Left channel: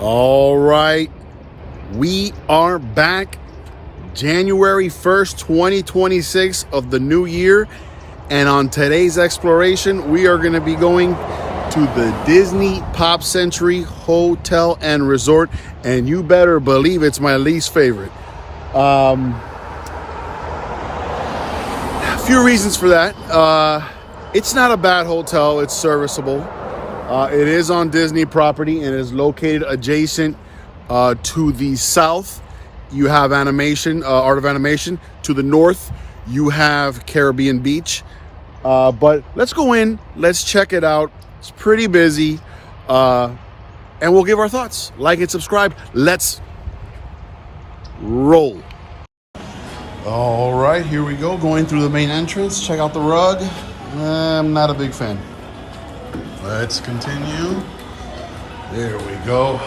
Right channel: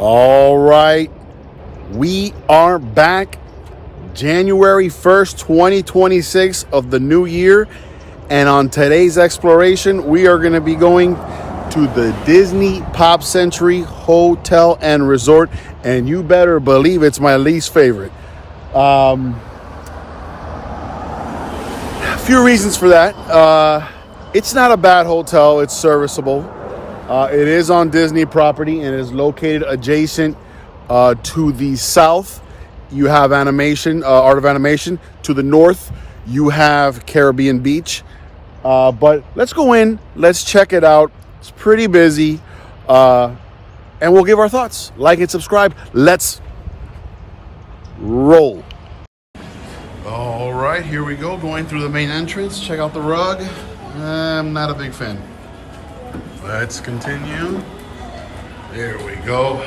All right, we are back January 1st, 2026 of the new year. And on today's exploration, we are going to be going to the Disney Pop Century Hotel and Resort. And you better believe it's my least favorite. A few reasons for that. It's not a bad hotel. It's serviceable. It is on Disney property and is located adjacent to the south. You have animation, Art of Animation. To the north, you have Caribbean Beach. But let's go in. Let's check it out. It's pretty busy. And we'll give our thoughts. Like and subscribe. Let's roll. All right, here we go. Going through the main entrance. Check out the rug. I'm not a big fan. Let's continue. There we go.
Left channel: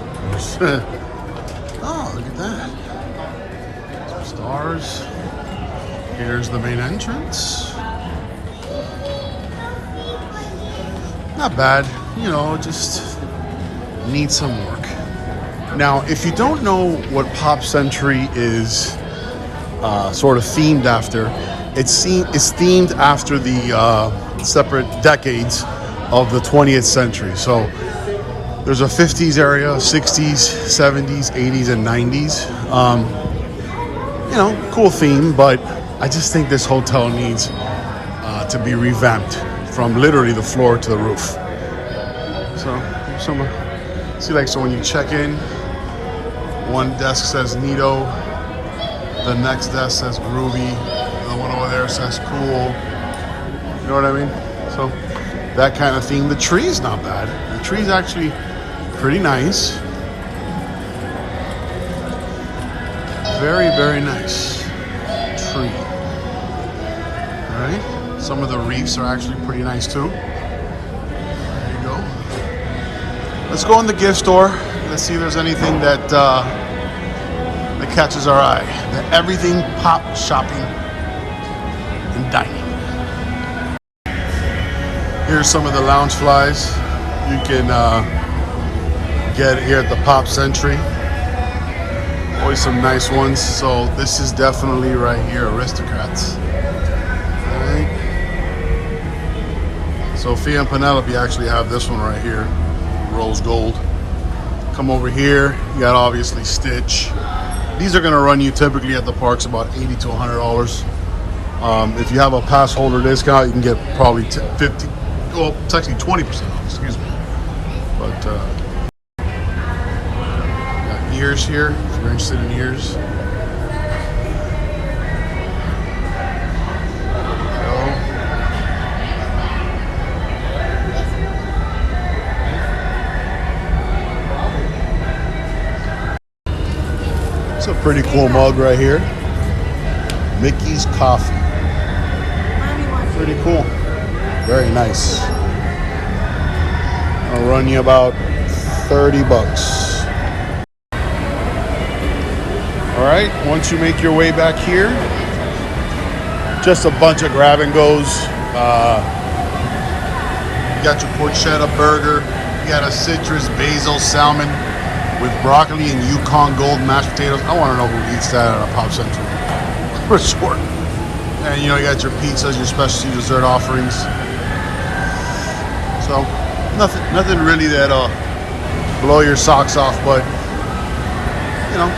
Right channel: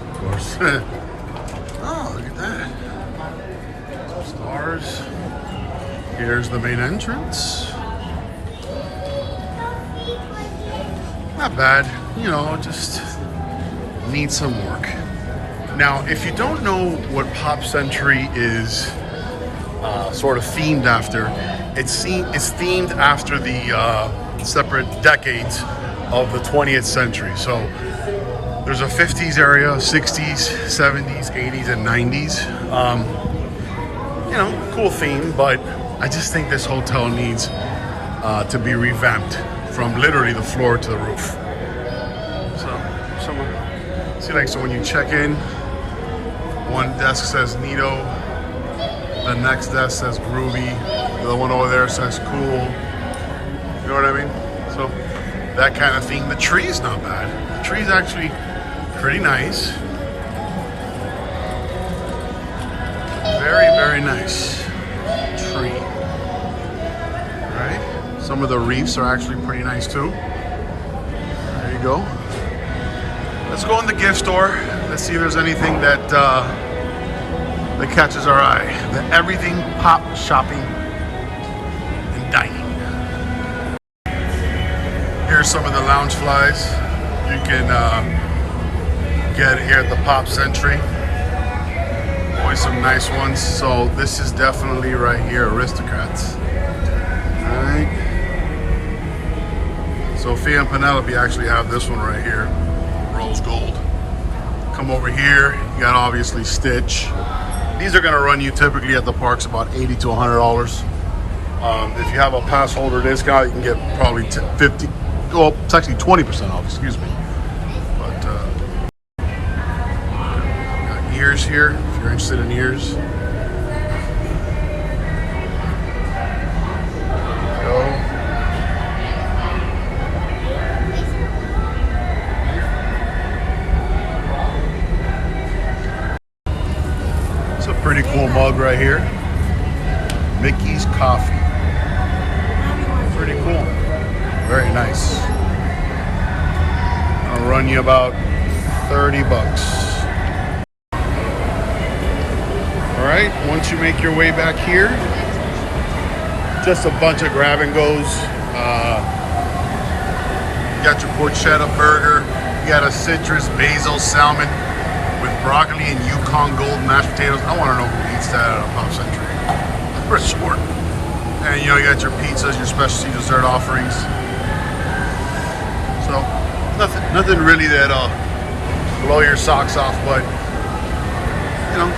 Of course. Oh, look at that. Stars. Here's the main entrance. Not bad. You know, just needs some work. Now, if you don't know what Pop Century is sort of themed after, it's themed after the separate decades of the 20th century. So there's a 50s area, 60s, 70s, 80s, and 90s. You know, cool theme, but I just think this hotel needs to be revamped from literally the floor to the roof. So when you check in, one desk says Neato, the next desk says Groovy, the one over there says Cool. You know what I mean? So that kind of theme. The tree is not bad. The tree is actually pretty nice. Very, very nice tree. All right. Some of the reefs are actually pretty nice too. There you go. Let's go in the gift store. Let's see if there's anything that that catches our eye. The everything pop shopping and dining. Here's some of the lounge flies you can get here at the Pop Century. Always some nice ones. So this is definitely right here, Aristocrats. All right. Sophia and Penelope actually have this one right here, rose gold. Come over here, you got obviously Stitch. These are gonna run you typically at the parks about $80 to $100. If you have a pass holder discount, you can get probably 50, well, it's actually 20% off, excuse me. But got ears here, if you're interested in ears. Pretty cool mug right here. Mickey's Coffee. Pretty cool. Very nice. I'll run you about 30 bucks. All right, once you make your way back here, just a bunch of grab and goes. You got your porchetta burger. You got a citrus basil salmon with broccoli and Yukon Gold mashed potatoes. I want to know who eats that at a Pop Century. For sure. And you know, you got your pizzas, your specialty dessert offerings. So nothing really that'll blow your socks off, but you know,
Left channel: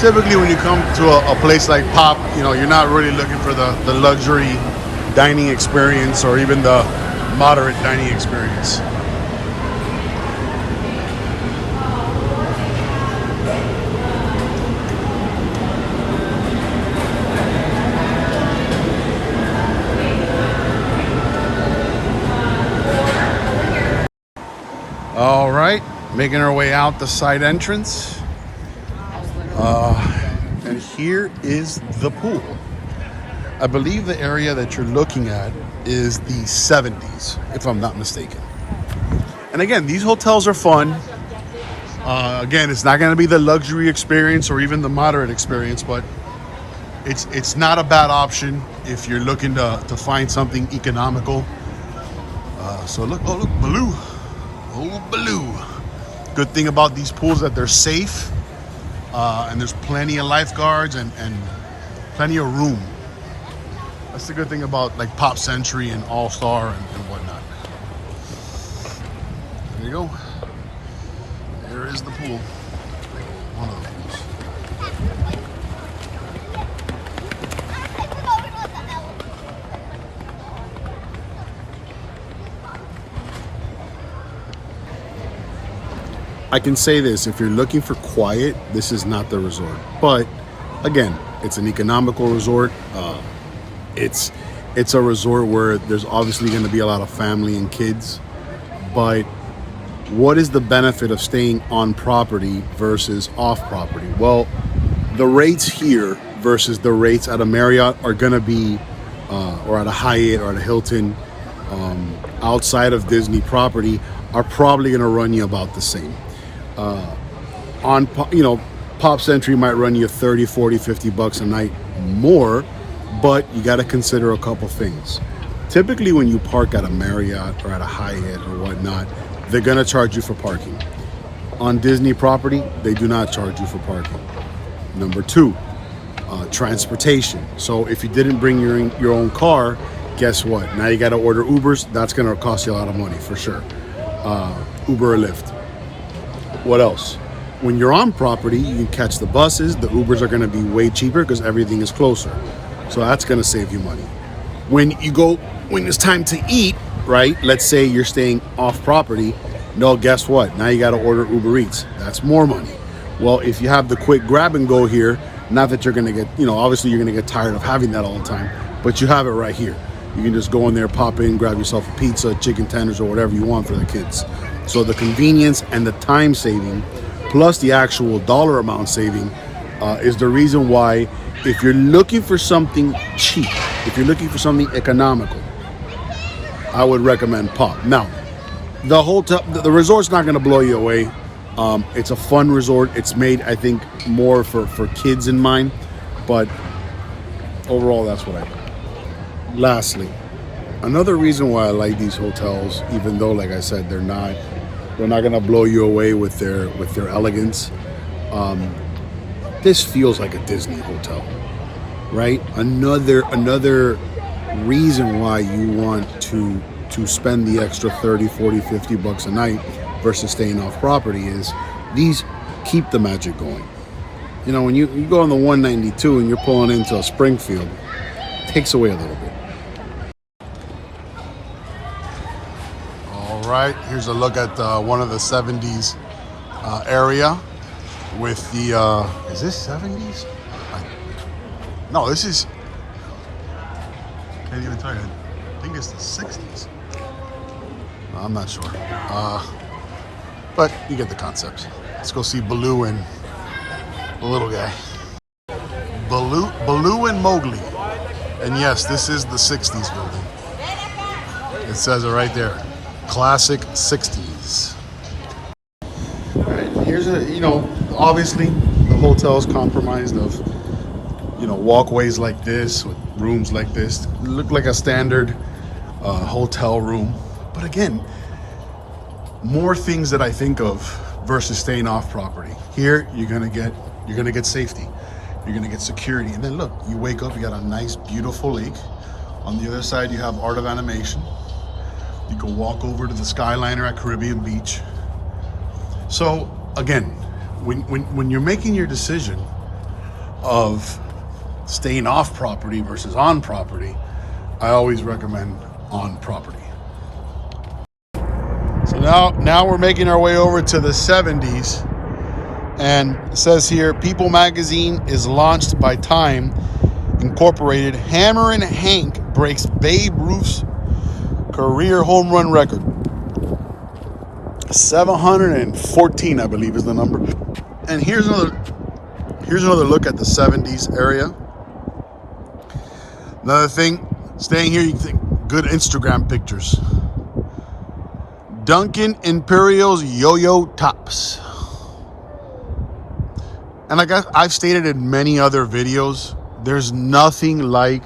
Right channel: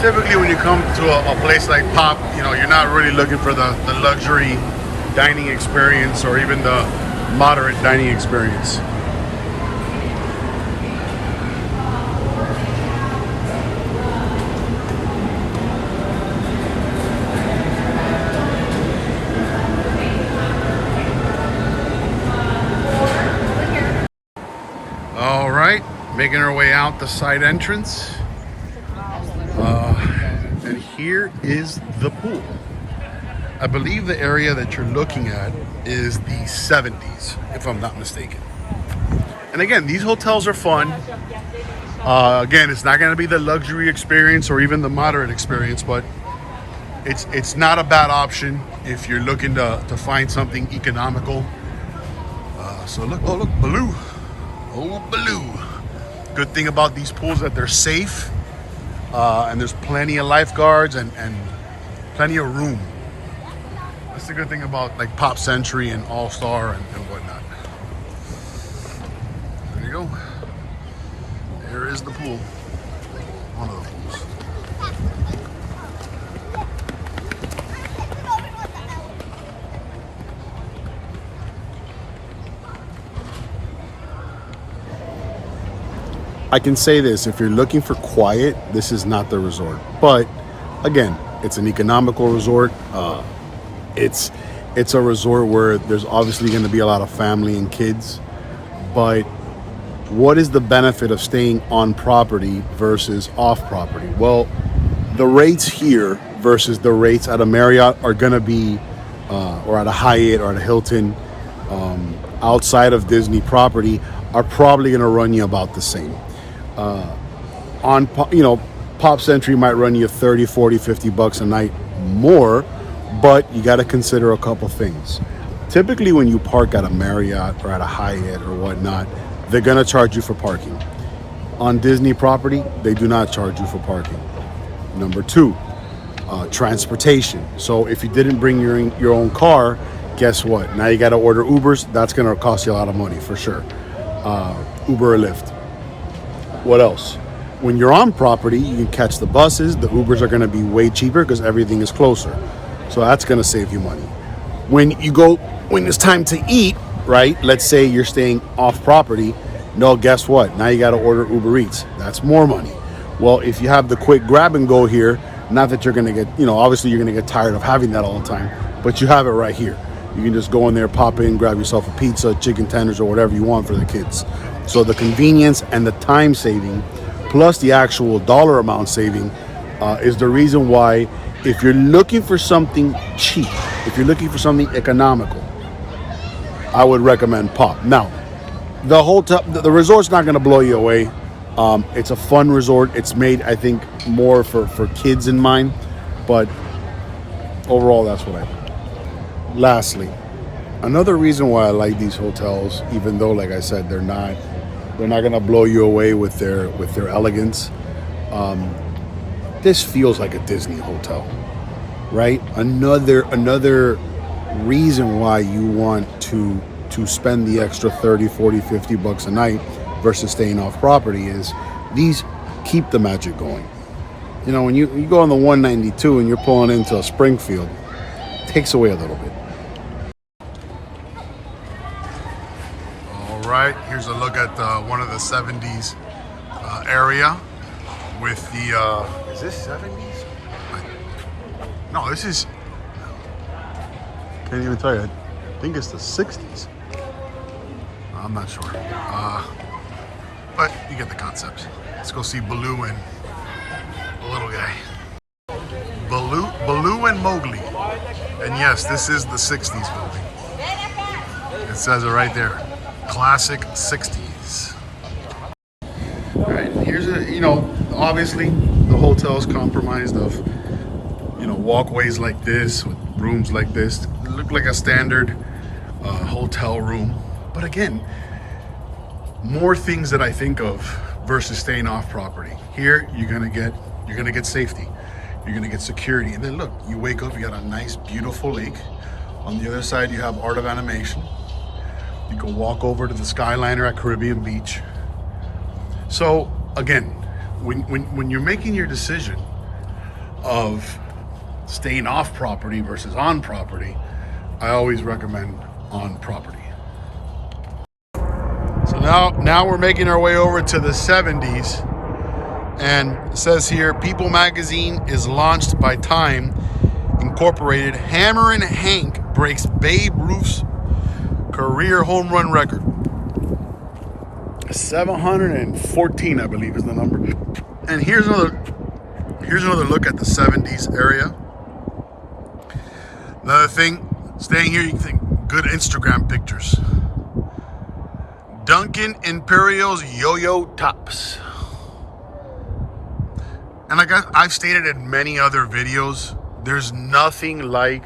typically when you come to a place like Pop, you know, you're not really looking for the luxury dining experience or even the moderate dining experience. All right, making our way out the side entrance. And here is the pool. I believe the area that you're looking at is the 70s, if I'm not mistaken. And again, these hotels are fun. Again, it's not going to be the luxury experience or even the moderate experience, but it's not a bad option if you're looking to find something economical. So look, oh look, Baloo. Oh, Baloo. Good thing about these pools that they're safe. And there's plenty of lifeguards and plenty of room. That's the good thing about like Pop Century and All Star and whatnot. There you go. There is the pool. One of the pools. I can say this, if you're looking for quiet, this is not the resort. But again, it's an economical resort. It's a resort where there's obviously going to be a lot of family and kids. But what is the benefit of staying on property versus off property? Well, the rates here versus the rates at a Marriott are going to be, or at a Hyatt or at a Hilton, outside of Disney property, are probably going to run you about the same. Pop Century might run you 30, 40, 50 bucks a night more, but you got to consider a couple things. Typically when you park at a Marriott or at a Hyatt or whatnot, they're going to charge you for parking. On Disney property, they do not charge you for parking. Number two, transportation. So if you didn't bring your own car, guess what? Now you got to order Ubers. That's going to cost you a lot of money for sure. Uber or Lyft. What else? When you're on property, you can catch the buses. The Ubers are going to be way cheaper because everything is closer. So that's going to save you money. When it's time to eat, right? Let's say you're staying off property. No, guess what? Now you got to order Uber Eats. That's more money. Well, if you have the quick grab and go here, not that you're going to get, obviously you're going to get tired of having that all the time, but you have it right here. You can just go in there, pop in, grab yourself a pizza, chicken tenders, or whatever you want for the kids. So the convenience and the time saving, plus the actual dollar amount saving, is the reason why, if you're looking for something cheap, if you're looking for something economical, I would recommend Pop. Now, the resort's not going to blow you away. It's a fun resort. It's made, I think, more for kids in mind, but overall, that's what I think. Lastly, another reason why I like these hotels, even though, like I said, they're not going to blow you away with their elegance. This feels like a Disney hotel, right? Another reason why you want to spend the extra 30, 40, 50 bucks a night versus staying off property is these keep the magic going. When you go on the 192 and you're pulling into a Springfield, it takes away a little bit. All right, here's a look at one of the 70s area with the, is this 70s? No, this is, can't even tell you. I think it's the 60s. I'm not sure. But you get the concept. Let's go see Baloo and the little guy. Baloo and Mowgli. And yes, this is the 60s building. It says it right there. Classic 60s. All right, here's obviously the hotel is compromised of, walkways like this, with rooms like this. It look like a standard hotel room. But again, more things that I think of versus staying off property. Here, you're gonna get safety. You're gonna get security. And then look, you wake up, you got a nice, beautiful lake. On the other side, you have Art of Animation. You can walk over to the Skyliner at Caribbean Beach. So again, when you're making your decision of staying off property versus on property, I always recommend on property. So now we're making our way over to the 70s, and it says here, People Magazine is launched by Time Incorporated. Hammer and Hank breaks Babe Ruth's career home run record. 714, I believe, is the number. And here's another look at the 70s area. Another thing, staying here, you can think good Instagram pictures. Duncan Imperio's Yo-Yo Tops. And like I've stated in many other videos, there's nothing like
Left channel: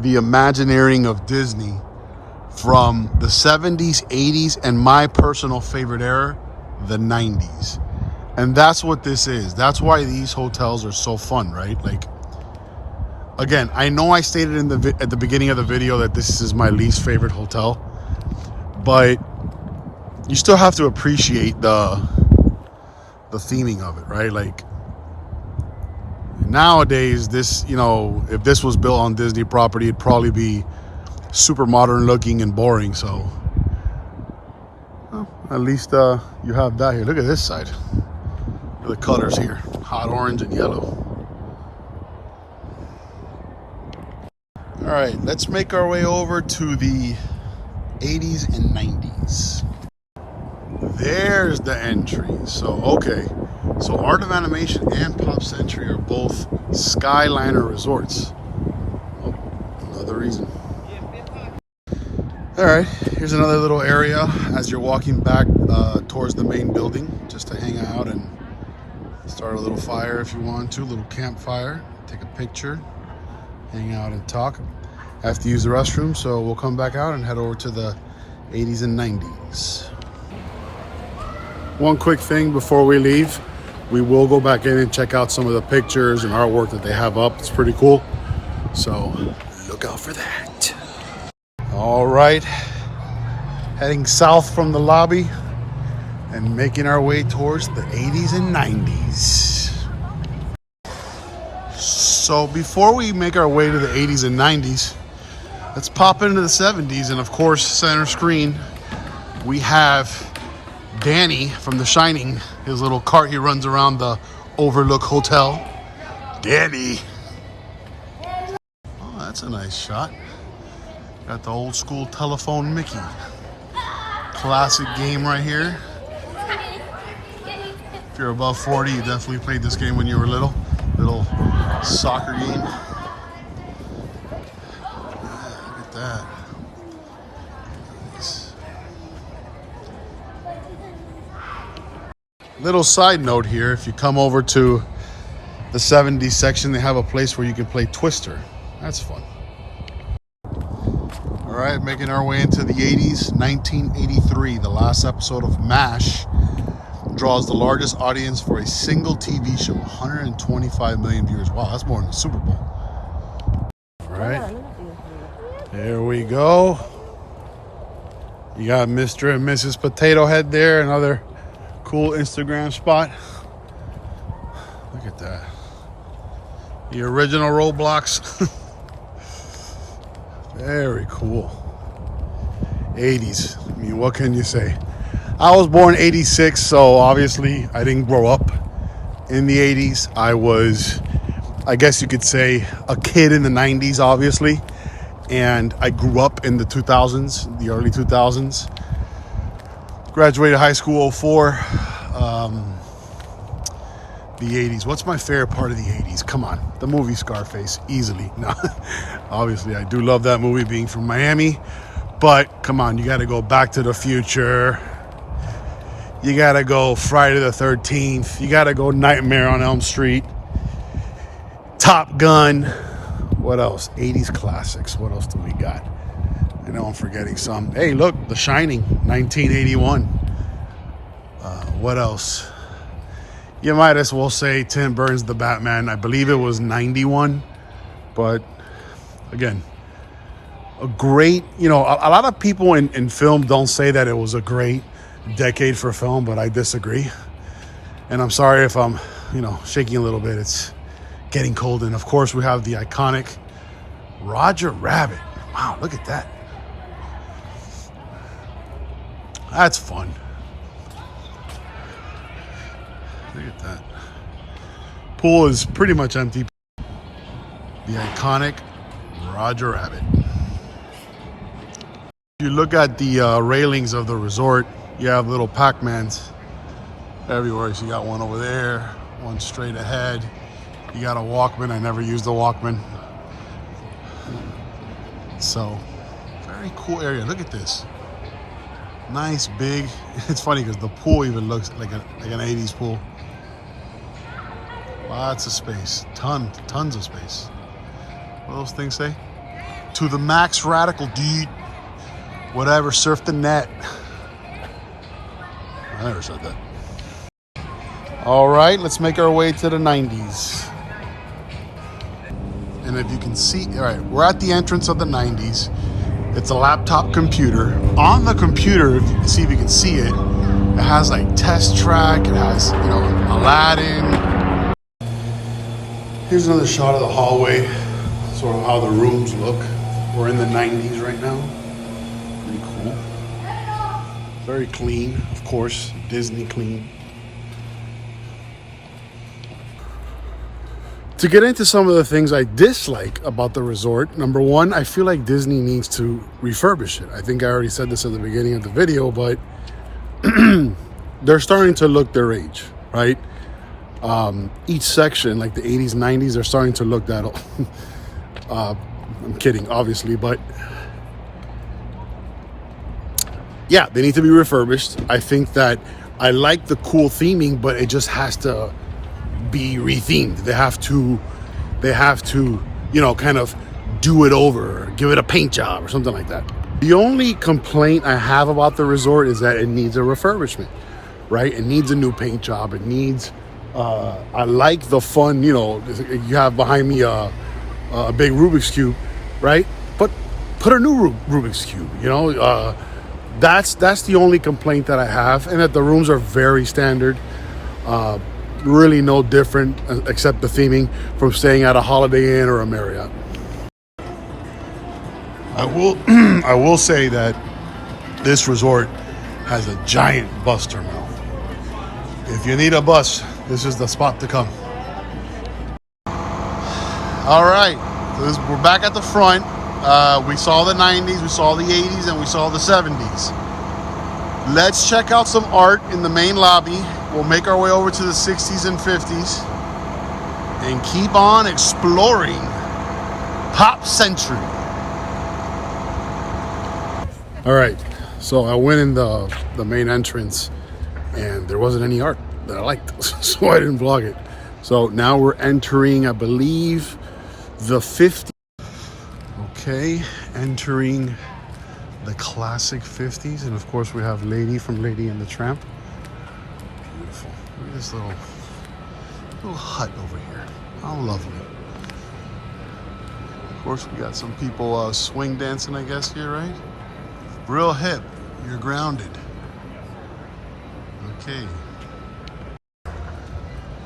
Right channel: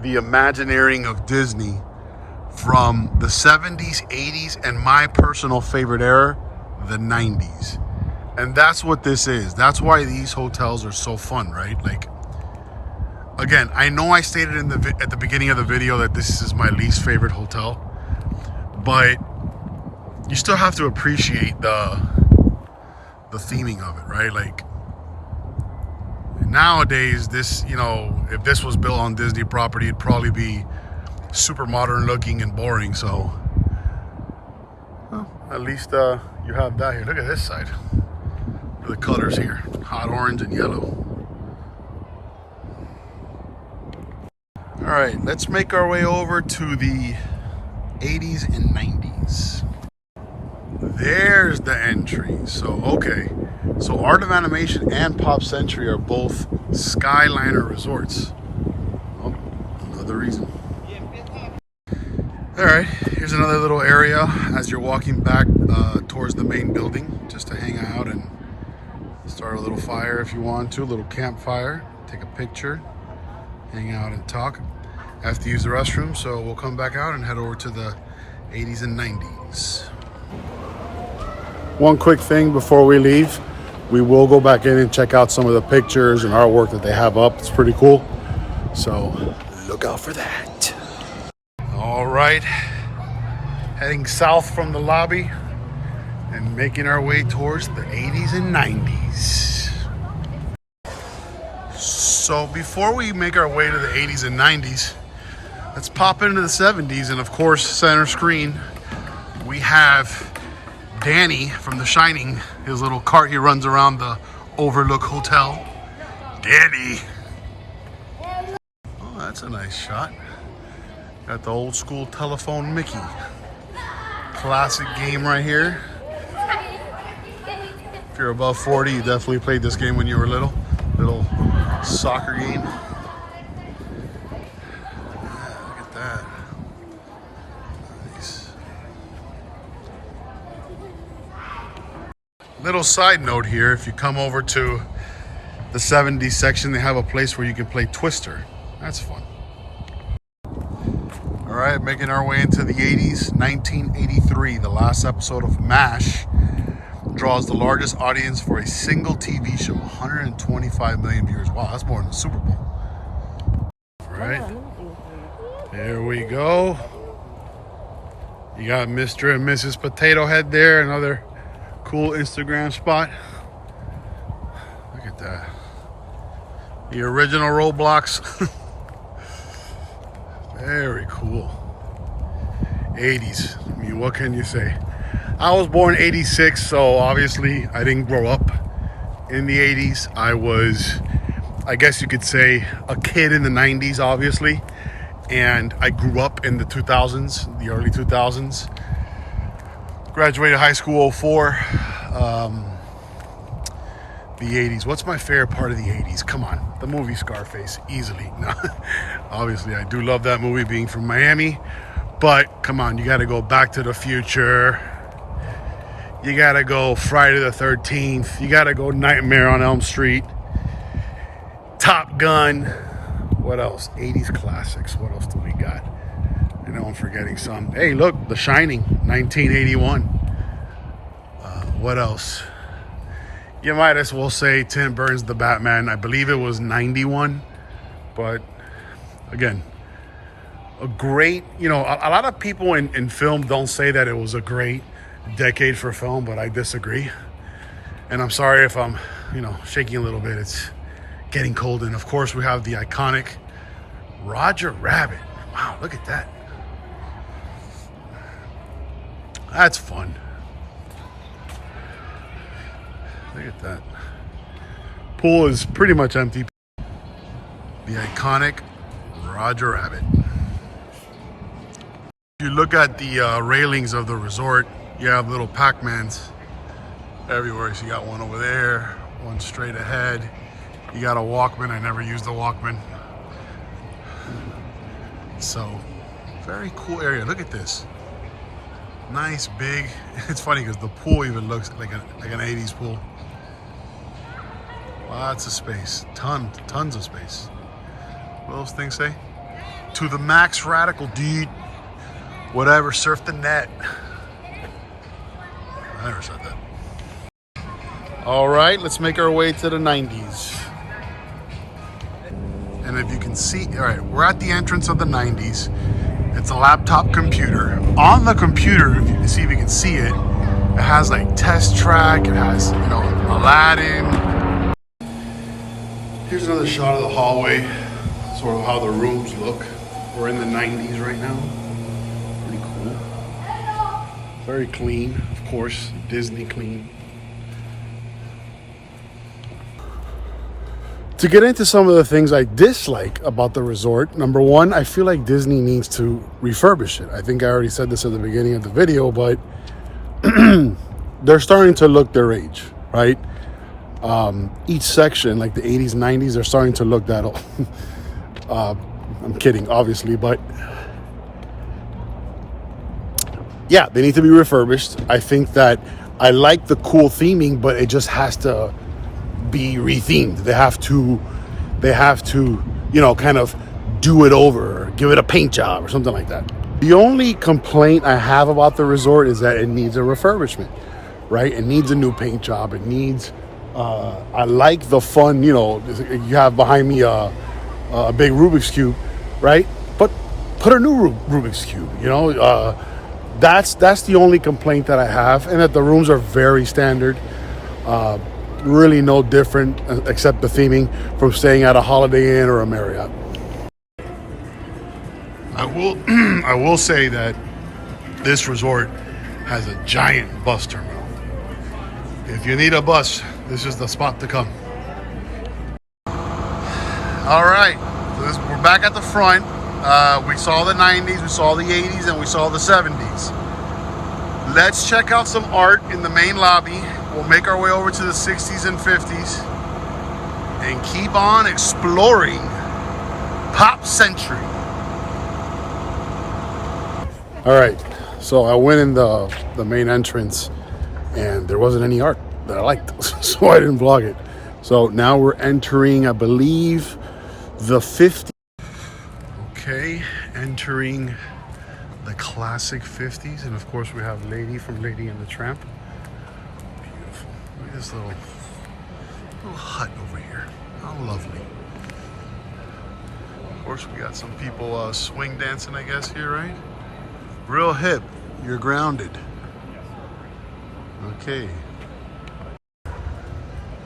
the Imagineering of Disney from the 70s, 80s, and my personal favorite era, the 90s. And that's what this is. That's why these hotels are so fun, right? Like, again, I know I stated at the beginning of the video that this is my least favorite hotel, but you still have to appreciate the theming of it, right? Like, nowadays, this, you know, if this was built on Disney property, it'd probably be super modern looking and boring. So, well, at least you have that here. Look at this side. Look at the colors here, hot orange and yellow. All right, let's make our way over to the 80s and 90s. There's the entry. So, okay. So Art of Animation and Pop Century are both Skyliner resorts. Oh, another reason. All right, here's another little area as you're walking back towards the main building, just to hang out and start a little fire if you want to, a little campfire, take a picture, hang out and talk. I have to use the restroom, so we'll come back out and head over to the 80s and 90s. One quick thing before we leave, we will go back in and check out some of the pictures and artwork that they have up. It's pretty cool, so look out for that. All right, heading south from the lobby and making our way towards the 80s and 90s. So before we make our way to the 80s and 90s, let's pop into the 70s. And of course, center screen, we have Danny from The Shining, his little cart he runs around the Overlook Hotel. Danny. Oh, that's a nice shot. Got the old school telephone Mickey. Classic game right here. If you're above 40, you definitely played this game when you were little. Little soccer game. Yeah, look at that. Nice. Little side note here, if you come over to the 70s section, they have a place where you can play Twister. That's fun. All right, making our way into the 80s. 1983, the last episode of MASH draws the largest audience for a single TV show, 125 million viewers. Wow, that's more than the Super Bowl. All right, there we go. You got Mr. and Mrs. Potato Head there, another cool Instagram spot. Look at that. The original Roblox. Very cool. 80s. I mean, what can you say? I was born 86, so obviously I didn't grow up in the 80s. I was, I guess you could say, a kid in the 90s, obviously. And I grew up in the 2000s, the early 2000s. Graduated high school 04. The 80s. What's my favorite part of the 80s? Come on. The movie Scarface. Easily. No, obviously, I do love that movie, being from Miami. But, come on. You got to go Back to the Future. You got to go Friday the 13th. You got to go Nightmare on Elm Street. Top Gun. What else? 80s classics. What else do we got? I know I'm forgetting some. Hey, look. The Shining. 1981. What else? You might as well say Tim Burton's The Batman. I believe it was 91. But, again, a great, you know, a lot of people in film don't say that it was a great decade for film, but I disagree. And I'm sorry if I'm, you know, shaking a little bit. It's getting cold. And, of course, we have the iconic Roger Rabbit. Wow, look at that. That's fun. Look at that. Pool is pretty much empty. The iconic Roger Rabbit. If you look at the railings of the resort, you have little Pac-Mans everywhere. So you got one over there, one straight ahead. You got a Walkman. I never used the Walkman. So, very cool area. Look at this. Nice, big. It's funny because the pool even looks like an 80s pool. Lots of space. Tons of space. What those things say? To the max radical, dude. whatever, surf the net. I never said that. All right, let's make our way to the 90s. And if you can see, all right, we're at the entrance of the 90s. It's a laptop computer. On the computer, if you can see, it has like Test Track, it has, you know, Aladdin. Here's another shot of the hallway, sort of how the rooms look. We're in the 90s right now. Pretty cool. Very clean, of course, Disney clean. To get into some of the things I dislike about the resort, number one, I feel like Disney needs to refurbish it. I think I already said this at the beginning of the video, but they're starting to look their age, right? Each section, like the 80s, 90s, they're starting to look that old. I'm kidding, obviously, but yeah, they need to be refurbished. I think that I like the cool theming, but it just has to be rethemed. They have to, you know, kind of do it over, give it a paint job or something like that. The only complaint I have about the resort is that it needs a refurbishment, right? It needs a new paint job. It needs, I like the fun, you know, you have behind me a big Rubik's Cube, right? But put a new Rubik's Cube, you know? That's the only complaint that I have, and that the rooms are very standard. Really no different except the theming from staying at a Holiday Inn or a Marriott. I will say that this resort has a giant bus terminal. If you need a bus, this is the spot to come. All right, so we're back at the front. We saw the 90s, we saw the 80s, and we saw the 70s. Let's check out some art in the main lobby. We'll make our way over to the 60s and 50s and keep on exploring Pop Century. All right, so I went in the main entrance and there wasn't any art that I liked, so I didn't vlog it. So now we're entering, I believe, the 50s. Okay, entering the classic 50s, and of course we have Lady from Lady and the Tramp. Look at this little hut over here. How lovely. Of course we got some people swing dancing, I guess, here, right? Real hip. You're grounded. Okay.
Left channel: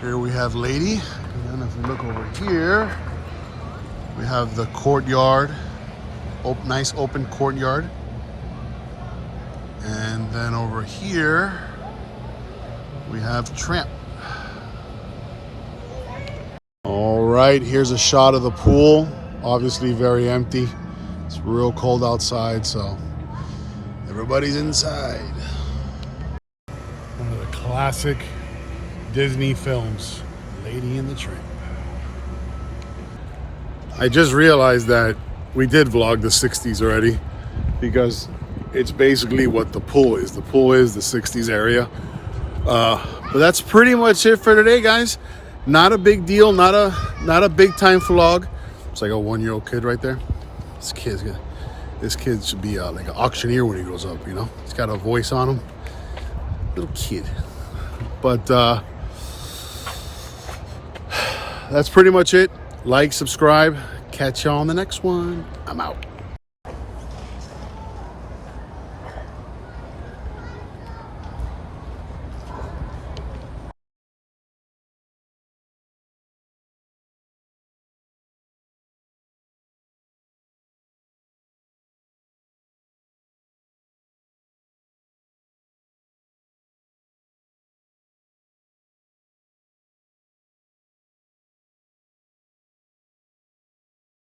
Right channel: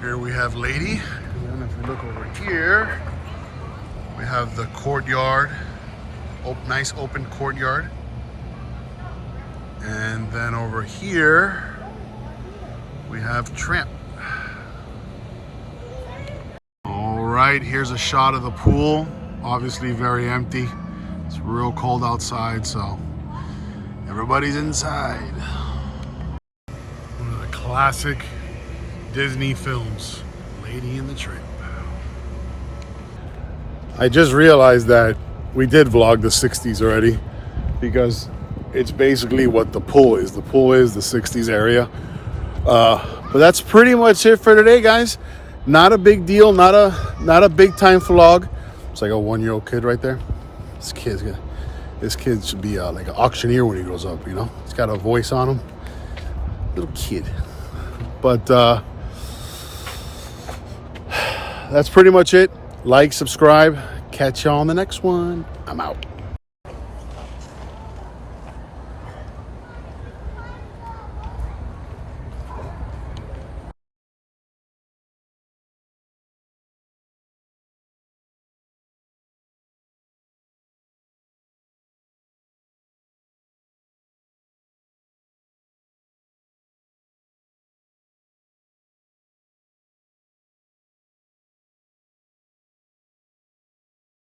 Here we have Lady, and if we look over here, we have the courtyard. Nice open courtyard. And then over here, we have Tramp. All right, here's a shot of the pool. Obviously very empty. It's real cold outside, so everybody's inside. One of the classic Disney films, Lady and the Tramp. I just realized that we did vlog the 60s already, because it's basically what the pool is. The pool is the 60s area. But that's pretty much it for today, guys. Not a big deal, not a big time vlog. It's like a 1-year-old kid right there. This kid should be like an auctioneer when he grows up, you know? He's got a voice on him. Little kid. But that's pretty much it. Like, subscribe. Catch y'all on the next one. I'm out.